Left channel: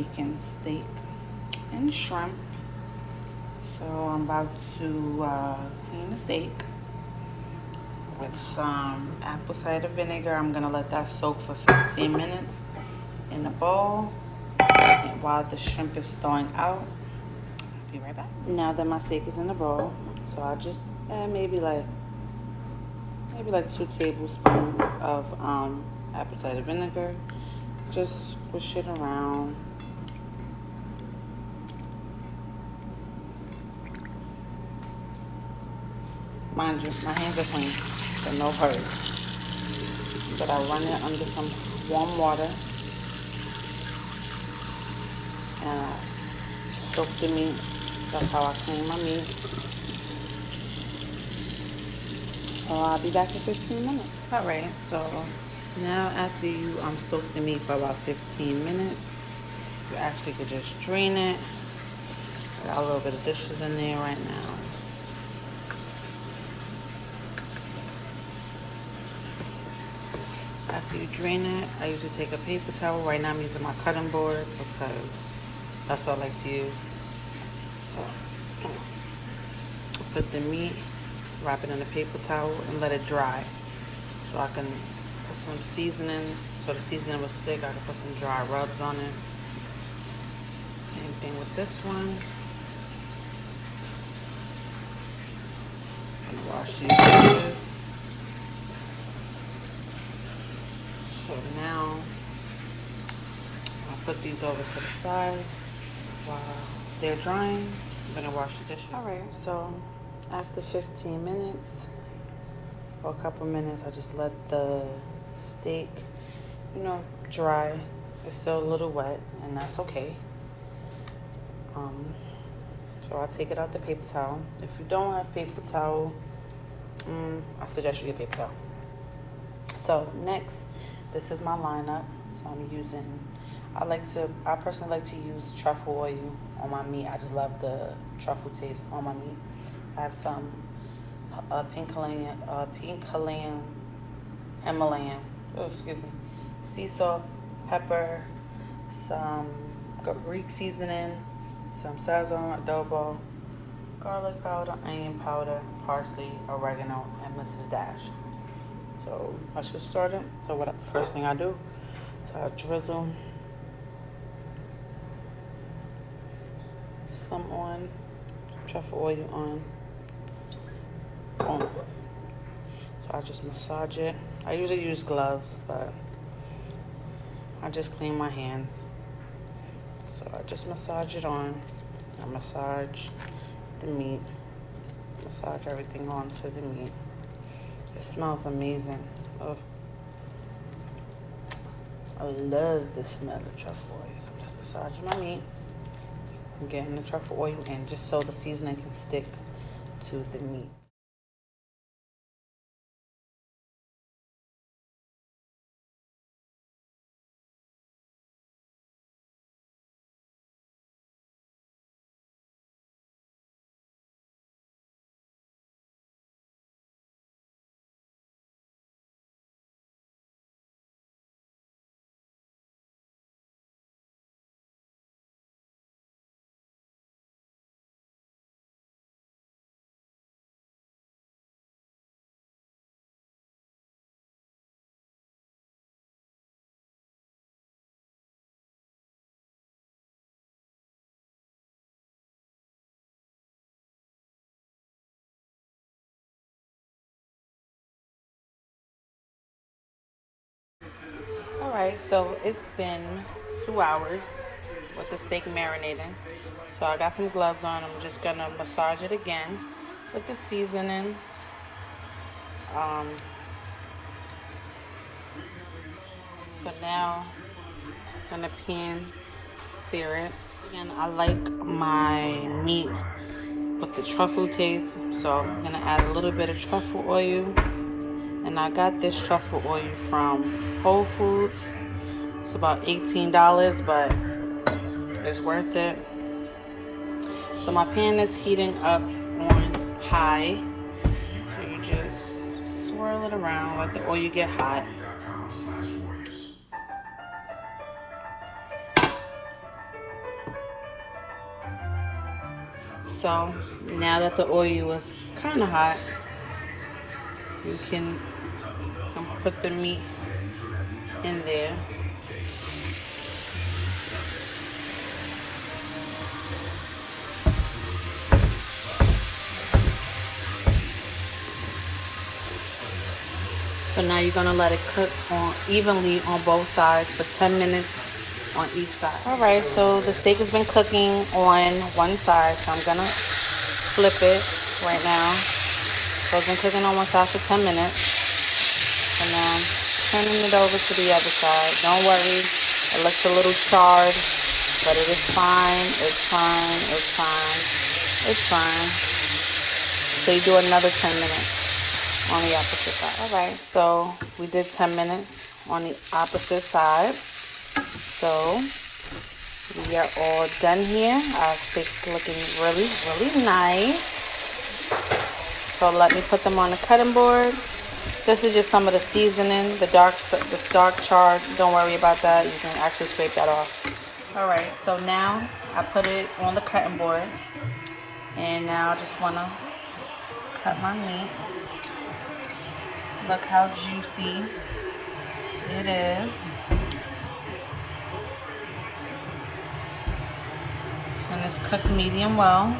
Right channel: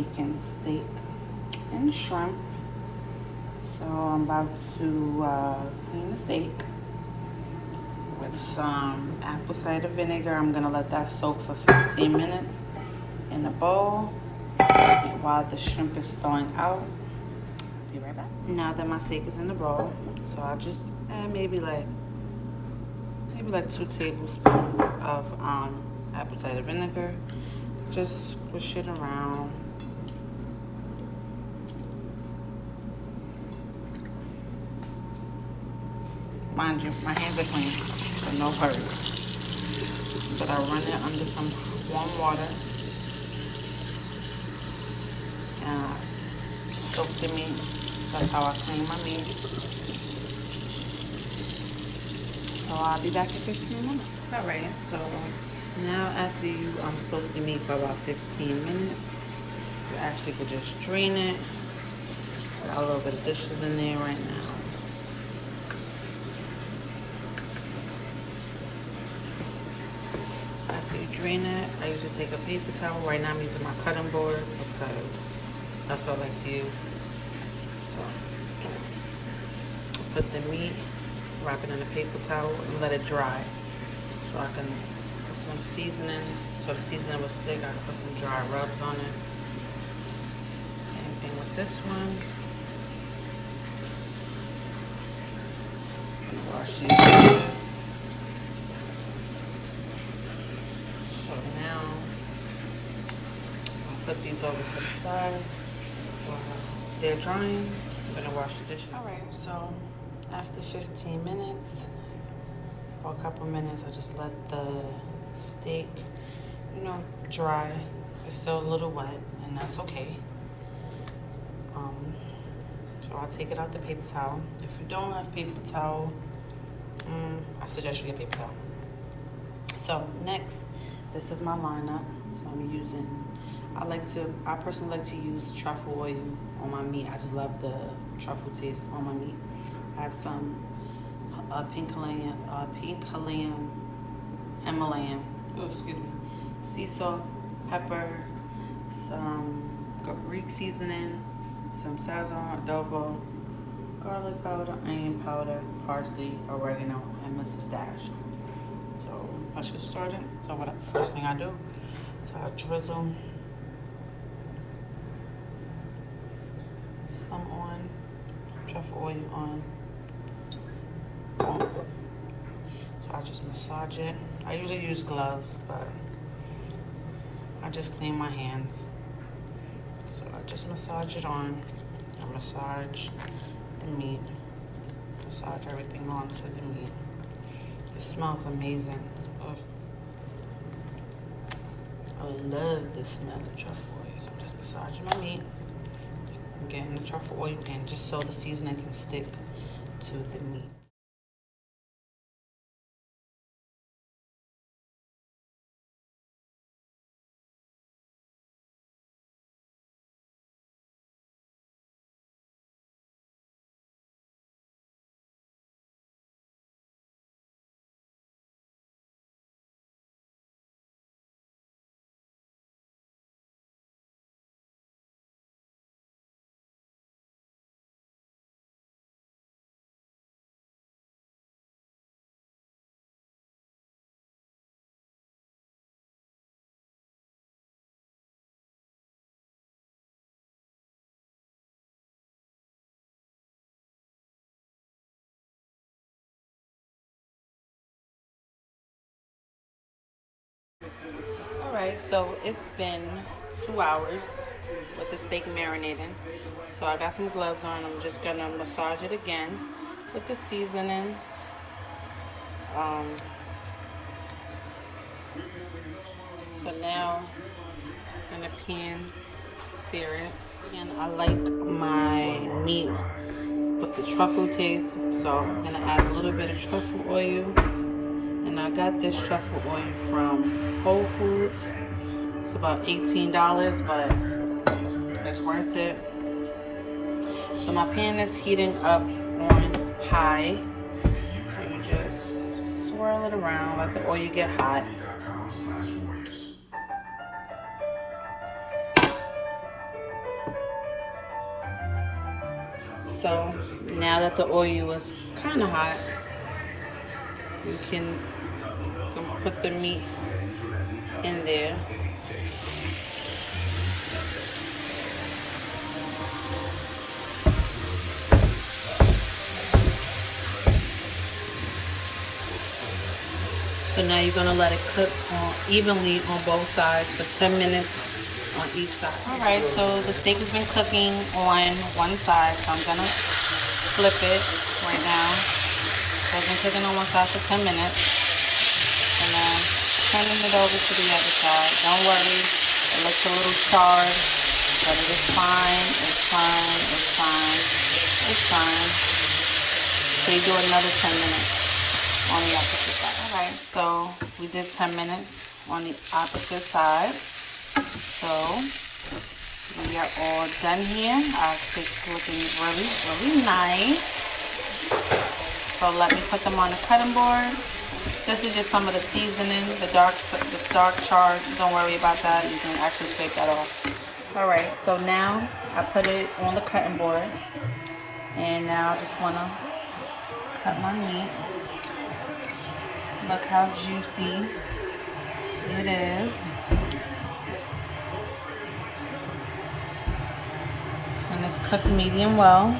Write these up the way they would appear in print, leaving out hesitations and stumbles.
making steak and shrimp. So I'm about to clean the steak with some apple cider vinegar. I'm gonna let that soak for 15 minutes in a bowl. And while the shrimp is thawing out, I'll be right back. Now that my steak is in the bowl, so I'll just add maybe like 2 tablespoons of apple cider vinegar. Just swish it around. Mind you, my hands are clean, so no hurry. But I run it under some warm water. And I soak the meat. That's how I clean my meat. So I'll be back in 15 minutes. Alright, so now after you soak the meat for about 15 minutes, you actually could just drain it. I got a little bit of dishes in there right now. After you drain it, I usually take a paper towel. Right now I'm using my cutting board because that's what I like to use. So put the meat, wrap it in a paper towel, and let it dry. So I can put some seasoning, so the seasoning will stick. I can put some dry rubs on it. Same thing with this one. Wash these dishes. So now I'll put these over to the side. While they're drying, I'm gonna wash the dishes. Alright, so after 15 minutes, for a couple minutes, I just let the steak, dry. It's still a little wet, and that's okay. So I'll take it out the paper towel. If you don't have paper towel, I suggest you get paper towel. So next, this is my lineup. So I'm using, I personally like to use truffle oil on my meat. I just love the truffle taste on my meat. I have some Himalayan, sea salt, pepper, some Greek seasoning, some sazon, adobo, garlic powder, onion powder, parsley, oregano, and Mrs. Dash. So let's get started. So first thing I do, so I drizzle some on, truffle oil on. Boom. So I just massage it. I usually use gloves, but I just clean my hands. So I just massage it on. I massage the meat. Massage everything onto the meat. It smells amazing. Oh, I love the smell of truffle oil. So just massaging my meat. I'm getting the truffle oil in just so the seasoning can stick to the meat. Alright, so it's been 2 hours with the steak marinating. So I got some gloves on. I'm just gonna massage it again with the seasoning. So now I'm gonna pan sear it. And I like my meat with the truffle taste, so I'm gonna add a little bit of truffle oil. And I got this truffle oil from Whole Foods. It's about $18, but it's worth it. So my pan is heating up on high. So you just swirl it around, let the oil get hot. So now that the oil is kind of hot, you can put the meat in there. So now you're gonna let it cook evenly on both sides for 10 minutes on each side. All right, so the steak has been cooking on one side, so I'm gonna flip it right now. So it's been cooking on one side for 10 minutes, and then turning it over to the other side. Don't worry, it looks a little charred, but it is fine. It's fine. It's fine. It's fine. So you do another 10 minutes on the opposite side. Alright, so we did 10 minutes on the opposite side. So we are all done here. Our steak's looking really, really nice. So let me put them on the cutting board. This is just some of the seasoning, the dark char. Don't worry about that. You can actually scrape that off. Alright, so now I put it on the cutting board. And now I just want to cut my meat. Look how juicy it is. And it's cooked medium well.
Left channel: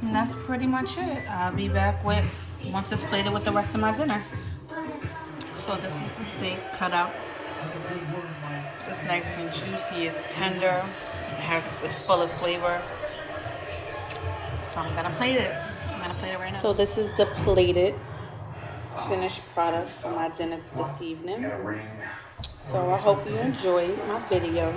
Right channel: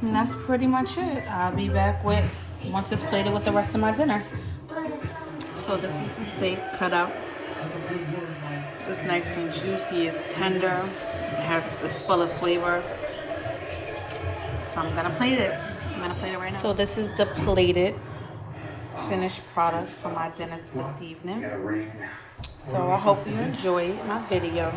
And that's pretty much it. I'll be back once it's plated with the rest of my dinner. So this is the steak cut up. It's nice and juicy, it's tender. It's full of flavor. So I'm gonna plate it. Right now. So this is the plated finished product for my dinner this evening. So I hope you enjoyed my video.